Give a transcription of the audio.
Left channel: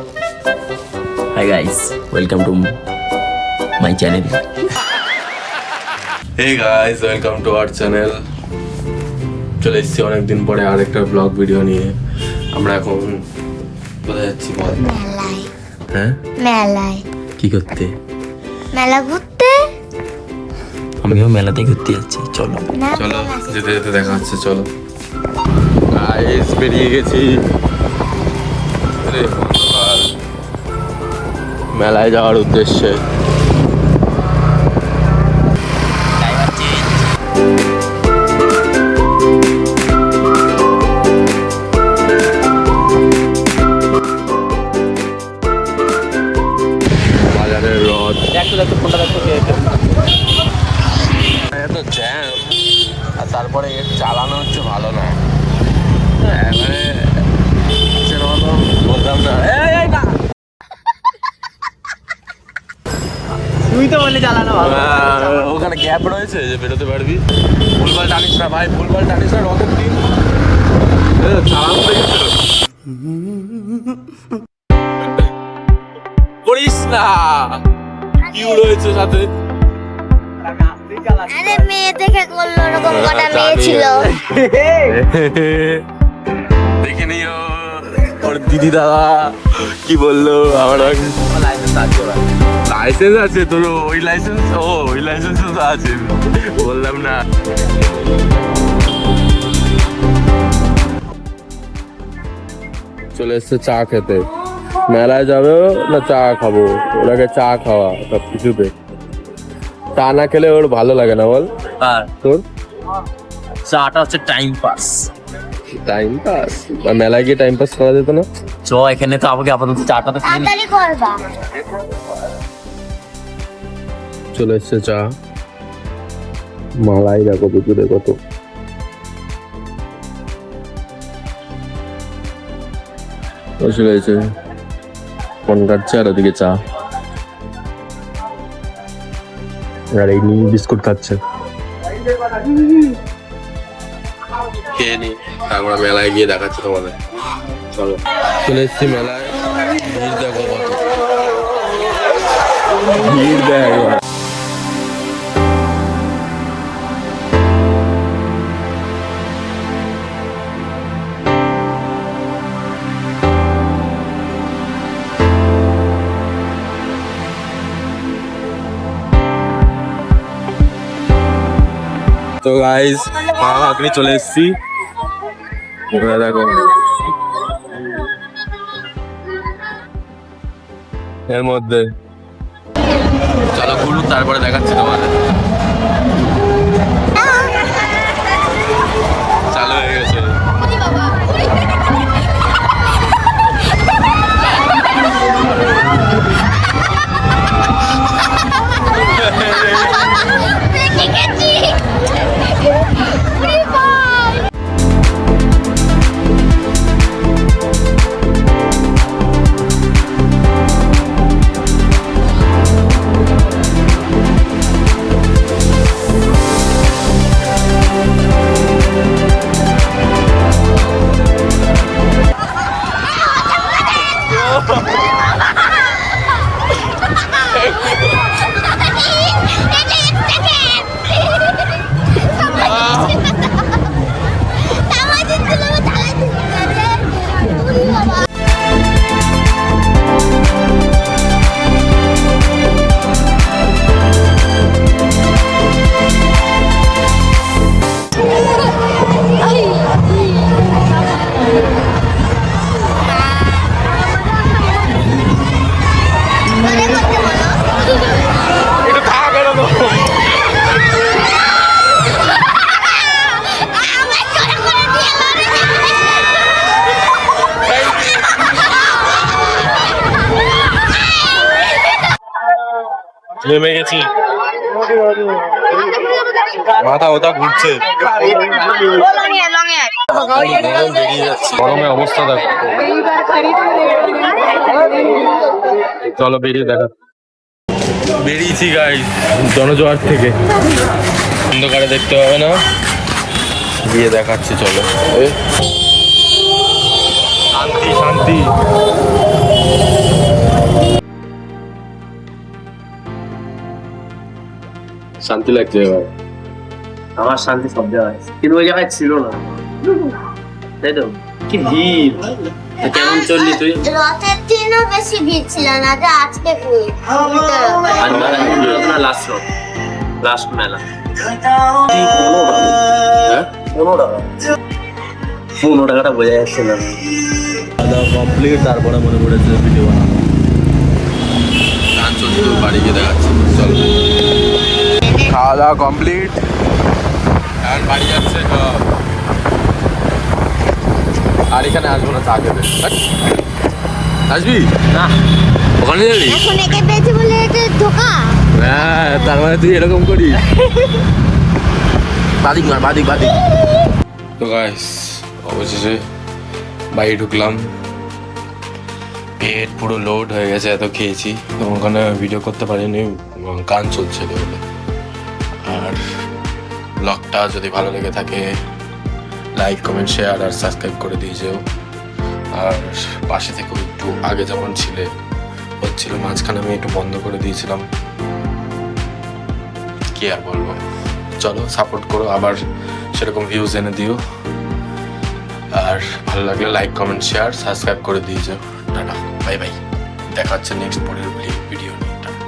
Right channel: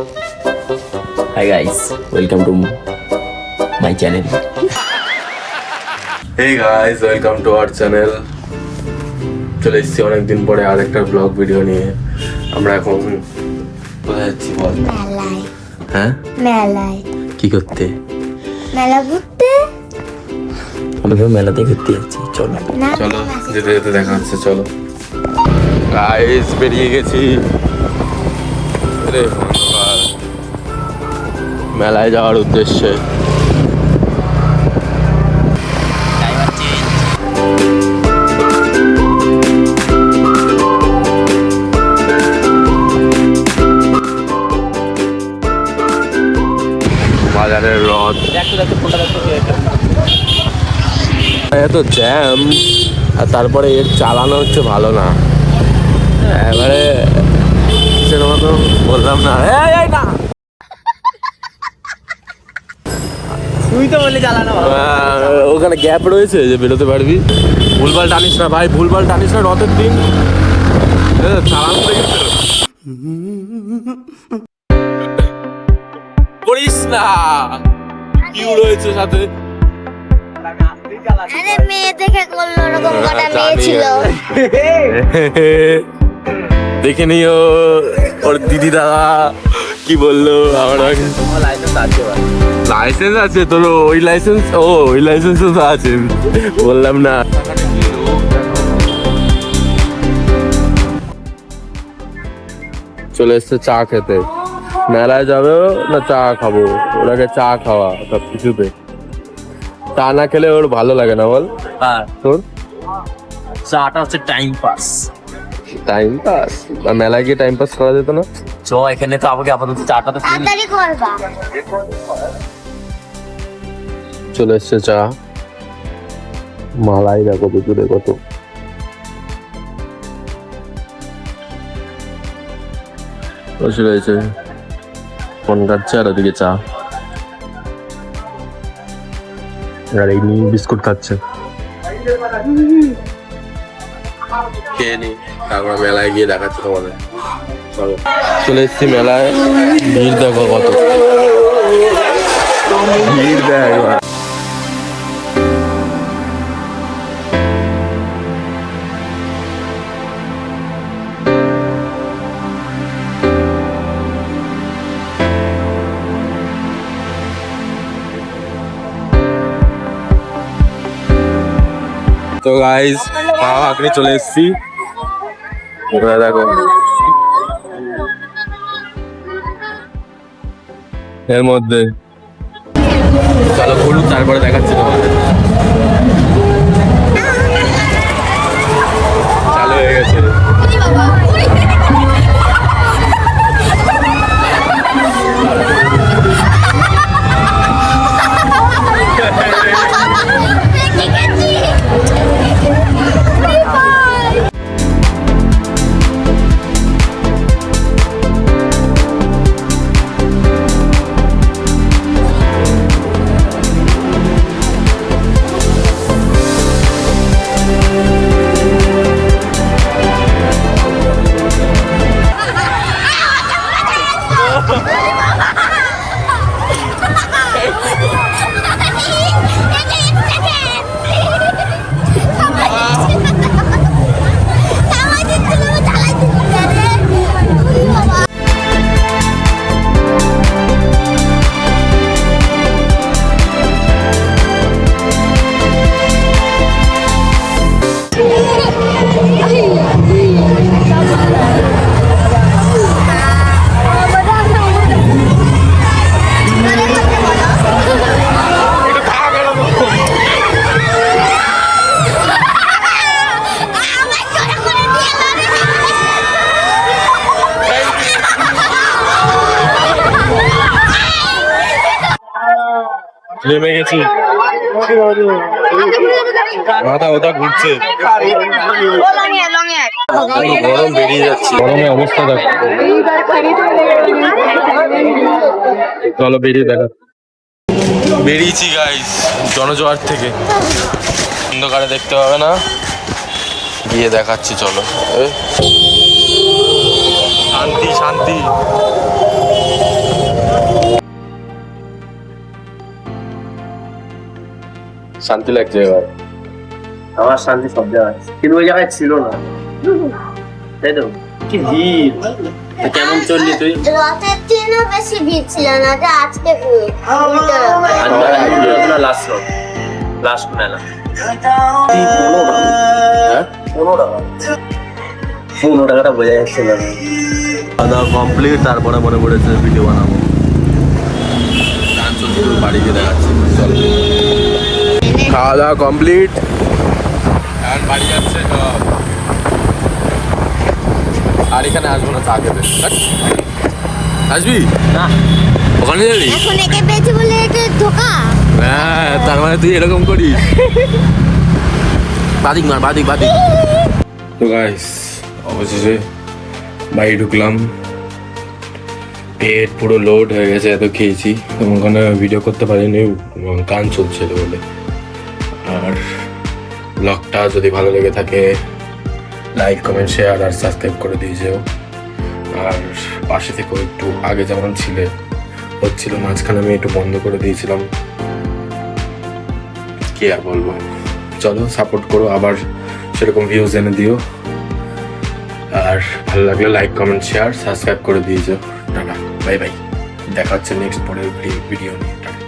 Hi guys, welcome to my channel. Hey guys, welcome to our channel. চলে এসেছি অনেকদিন পরে আরেকটা ব্লগ ভিডিও নিয়ে। আমরা এখন কোথায় যাচ্ছি বল? মেলায়। হ্যাঁ? মেলায়। কি করতে? মেলা ঘুরতে। আমিও মেলাতে ঘুরতে যাচ্ছি, চলো। চলো যেতে যেতে দেখা হচ্ছে, চলো। গাইস বেরিয়ে গেছি মেলায় যাওয়ার উদ্দেশ্যে। বাজারের রথ এত জ্যাম, আর তারপরে এর চালানো হচ্ছে ভালো না, এবারে কিসের মতো বললাম না। না তুই তো বললি চালানো ভালো। ওখানে গ্যাপ রয়েছে যে বেরোতে পারবি। ভুলভাল টানিস না ভাই, ভুলভাল টানিস না রথের দিন। চালানো করিস না, কি রয়েছে সাথে। মেয়ে দেখে করলো, ওরকম কটা মেয়ে ছিল। দেখে নিও ওর দিদি দাদা কি বললো। আমার লাইসেন্স আছে তোর? ওই লাইসেন্স, ওই লাইসেন্সও তো আছে, বললাম না। চলে এসছে চা খেতে। মেলায় যাবে না চা খাবো? ওনাকে চা খাওয়া সব কিছুতে। চা না খেলে ওর ভালো লাগে না, বল? আর তোর চাটা হচ্ছে টাইম পাস। Time pass? মেলায় গিয়ে টাইম পাস করা যেত না? চ এখানে তো আমাকে আপাতত চাটা তো তাড়াতাড়ি করবা। চলে এসছে চা। মালাই দেখো পুকুরে কত। বসে রয়েছে, ফোন কাটছে, আর ওদিকে চা, আর এই নিয়ে বিস্কুট খাচ্ছে। খেয়ে নি, তারপর মেলায় গিয়ে দেখাচ্ছে তোমাদের। চলো, চলে এসছি মেলায়। ভিড় দেখো কত ভিড় দেখো। তো গাইস মা আঁকড়ে চলে এসছি। দেখো এর মধ্যে, চলো ঘুরুন তারপরে দেখাচ্ছি তোমাদের। চালু হয়ে গেছে। নেমে গেছি, মাথা ওটা ঘুরছে, গরম বেরিয়ে যাচ্ছে, গরমে অবস্থা দেখো। চলো বেরিয়ে দেখা। বেরিয়েছি গাইস জনজোয়ার থেকে, অন্ধকারে দেখতে হবে না, গিয়ে দেখাচ্ছি। চলো শান্তি শান্তি। শান্তি লাগছে এবার। আমার শান্তি সব জায়গায়, কিন্তু ওই জায়গায় ছিল না, তাই তো? কি ভিড়! তা কেমন চললি তুই? রথের দিনও বেশি ভিড় ছিল না, যে আজকে ভিড়। লাস্ট মেলা হ্যাঁ 15 টাকাটা বোঝা যাচ্ছে না। কমপ্লিট, তারপরে মনে পড়েছে ভিডিও বানাবো। গান চলছে, তোর বাড়ি গিয়ে দেখাচ্ছি, চল। খাওয়া দাওয়া কমপ্লিট, বাড়ি যাচ্ছে সব। আর এখানে আসবো না, চা খেতে। আসবি না, ওখানে যাবি? এখন একে পেয়েছি বলে এটা ধোকা। হ্যাঁ, তার মানে তুই এরকম করি। বাদিক মা, বাদিক বাদিক। তো গাইস, অবশেষে বাড়ি ঢুকলাম। পেট পুরো লোড হয়ে গেছে, এত খেয়েছি। এবং ওখানে ভিডিও করতে পারিনি, গান চলছিল বলে। আর ব্লগটা যদি ভালো লেগে থাকে, লাইক কমেন্ট শেয়ার আর সাবস্ক্রাইব করে দিয়ে যেও। আর পাশে থেকে একটু আগে যেমন হচ্ছিল, মাঝখানে আমি একটু বন্ধ করে দিয়েছিলাম, কি আর বলবো। চলো সাপোর্ট করো, আবার সেরকম ভিউজ এনে দিও। আর ভালো লাগলে লাইক কমেন্ট শেয়ার সাবস্ক্রাইব করে দিয়ে যাও। টাটা, বাই বাই, দেখা হচ্ছে নেক্সট পরের ভিডিও নিয়ে। টাটা।